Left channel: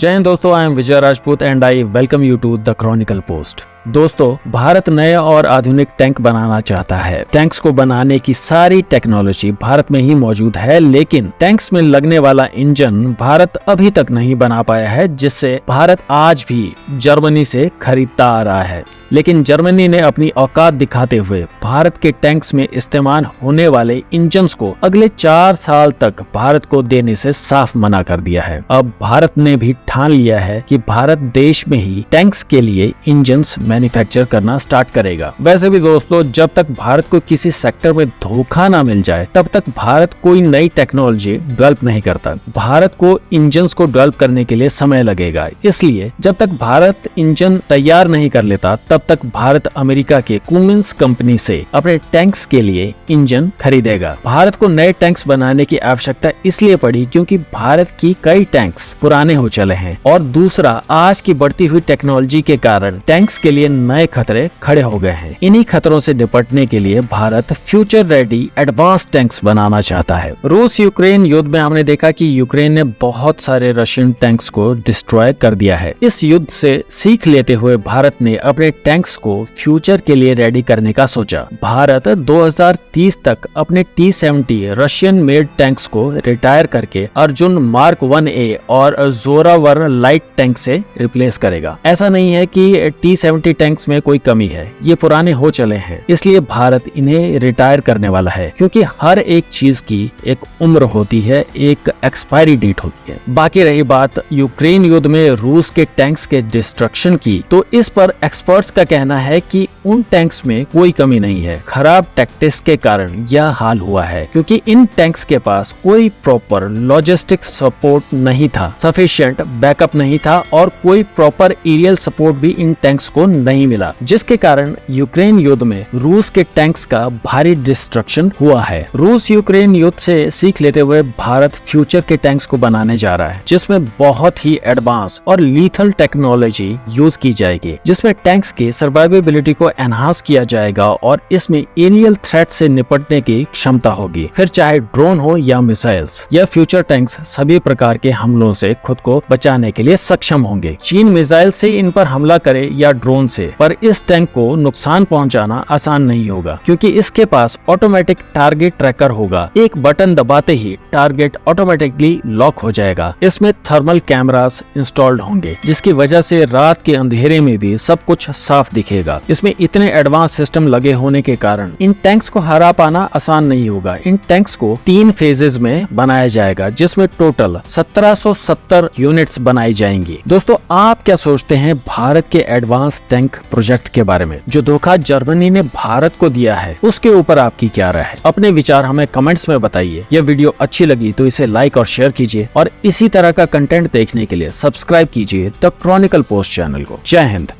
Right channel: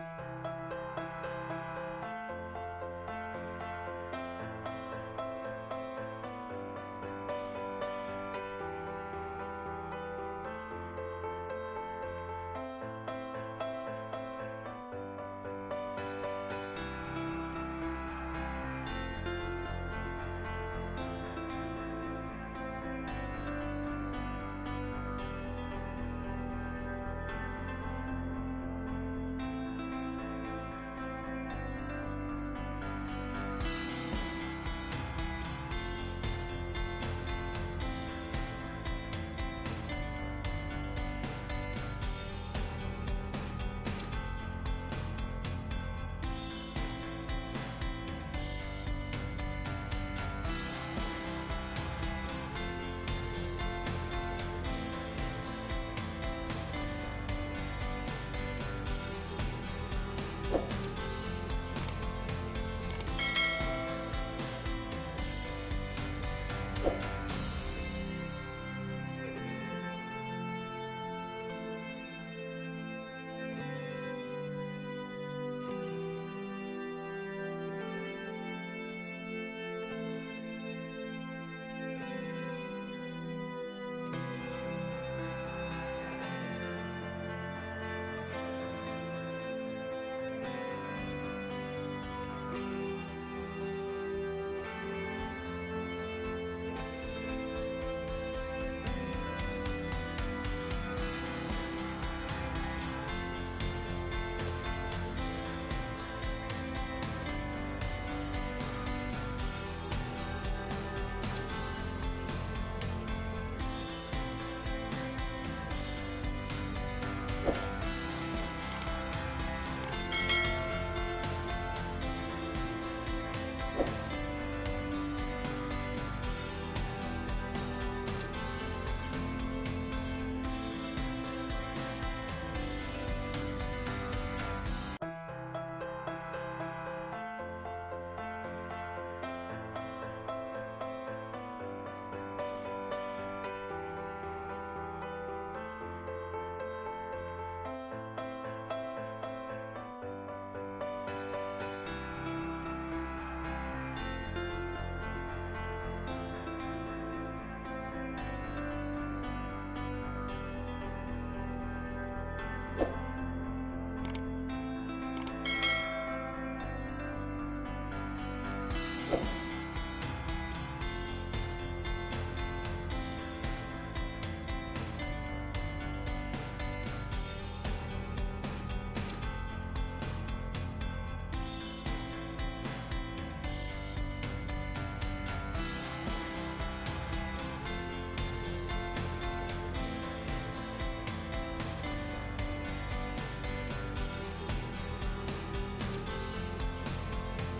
जय हिंद दोस्तों, I am Vijay Rajput and I welcome you to the chronicle post. दोस्तों, भारत नए और आधुनिक टैंक बनाना चाहता है। टैंक्स को बनाने की सारी टेक्नोलॉजी भारत में ही मौजूद है, लेकिन टैंक्स में लगने वाला इंजन भारत अभी तक नहीं बना पाया है, जिससे भारत आज भी जर्मनी से खरीदता आ रहा है। लेकिन जर्मनी ने अपनी औकात दिखाते हुए भारत के टैंक्स में इस्तेमाल होने वाले इंजन्स को अगले 4 साल तक भारत को देने से साफ मना कर दिया है। अब भारत ने भी ठान लिया है कि भारत देश में ही टैंक्स के लिए इंजन्स मैन्युफैक्चर करना स्टार्ट करेगा। वैसे भी दोस्तों, जब तक भारत को किसी सेक्टर में धोखा ना मिल जाए, तब तक भारत कोई नई टेक्नोलॉजी डेवलप नहीं करता। भारत को इंजन्स को डेवलप करने के लिए समय लगेगा, इसलिए जब तक भारत इंजन तैयार नहीं कर लेता, तब तक भारत अमेरिका के कुमिंस कंपनी से अपने टैंक्स के लिए इंजन खरीदेगा। भारत को नए टैंक्स बनाने की आवश्यकता इसलिए पड़ी क्योंकि भारत की कई टैंक्स पुराने हो चले हैं, और दूसरा, आज की बढ़ती हुई टेक्नोलॉजी के कारण टैंक्स के लिए नए खतरे खड़े हो गए हैं। इन्हीं खतरों से निपटने के लिए Bharat future ready advance tanks बनाना चाहता है। रूस यूक्रेन युद्ध में हमने देखा कि यूक्रेन ने बहुत सारे रशियन टैंक्स को डिस्ट्रॉय कर दिया है। इस युद्ध से सीख लेते हुए भारत ने अपने टैंक्स को फ्यूचर के लिए रेडी करने का सोचा। भारत 2030 तक अपने T-70 रशियन मेड टैंक्स को रिटायर करके अर्जुन मार्क 1A और जोरावर लाइट टैंक से रिप्लेस करेगा। ऐसा नहीं है कि T-70 टैंक्स में कोई कमी है, ये पुराने हो चले हैं, इसलिए भारत इन्हें रिटायर करने वाला है, क्योंकि हर एक चीज की एक उम्र होती है, एक एक्सपायरी डेट होती है। बाकी रही बात यूक्रेन युद्ध में रूस के टैंक्स के डिस्ट्रक्शन की, तो इस पर एक्सपर्ट्स का कहना है कि उन टैंक्स में कोई कमी नहीं है। खराब टैक्टिक्स के कारण यह हाल हुआ है, क्योंकि इन टैंक्स के पास कोई प्रॉपर लॉजिस्टिक सपोर्ट नहीं था, सफिशिएंट बैकअप नहीं था, और कोई प्रॉपर एरियल सपोर्ट भी इन टैंक्स को नहीं मिला, जिसके कारण यूक्रेन युद्ध में रूस के टैंक्स का भारी डिस्ट्रक्शन हुआ है। रूस यूक्रेन युद्ध से सीख लेते हुए भारत फ्यूचर के टैंक्स को बनाने जा रहा है, जिसमें बहुत ही एडवांस और लीथल टेक्नोलॉजी यूज की जाएगी, जिसमें टैंक्स की सर्वाइवेबिलिटी को एनहांस किया जाएगा और इसमें एरियल थ्रेट से निपटने की क्षमता होगी। फिर चाहे ड्रोन हो या मिसाइल्स, यह फ्यूचर टैंक्स सभी प्रकार के हमलों से खुद को बचाने के लिए सक्षम होंगे। चीन मिसाइल से इन पर हमला करे या ड्रोन से, पर इस टैंक को नुकसान पहुंचाना आसान नहीं होगा, क्योंकि इसके पास ऑटोमेटिक टारगेट ट्रैकर होगा। एक बटन दबाते ही टारगेट ऑटोमेटिकली लॉक हो जाएगा। इसमें थर्मल कैमरास इंस्टॉल्ड होंगे, जिसकी वजह से रात के अंधेरे में भी सब कुछ साफ दिखेगा। इसमें इतने एडवांस सिस्टम लगे होने के कारण इन टैंक्स को हरा पाना आसान नहीं होगा। इन टैंक्स को 3 फेजेस में बनाया जाएगा, जिसमें टोटल 1770 यूनिट्स बनाई जाएंगी। दोस्तों, आप क्या सोचते हैं भारत के एडवांस टैंक प्रोजेक्ट के बारे में? जो धोखा जर्मनी ने भारत को दिया है, उसके ऊपर आपकी क्या राय है? अपने विचार हमें कमेंट्स में बताइए। यह वीडियो अच्छी लगी तो इसे लाइक और शेयर कीजिए, और इसी तरह का कंटेंट देखने के लिए सब्सक्राइब कीजिए द क्रॉनिकल पोस्ट चैनल को। जय हिंद।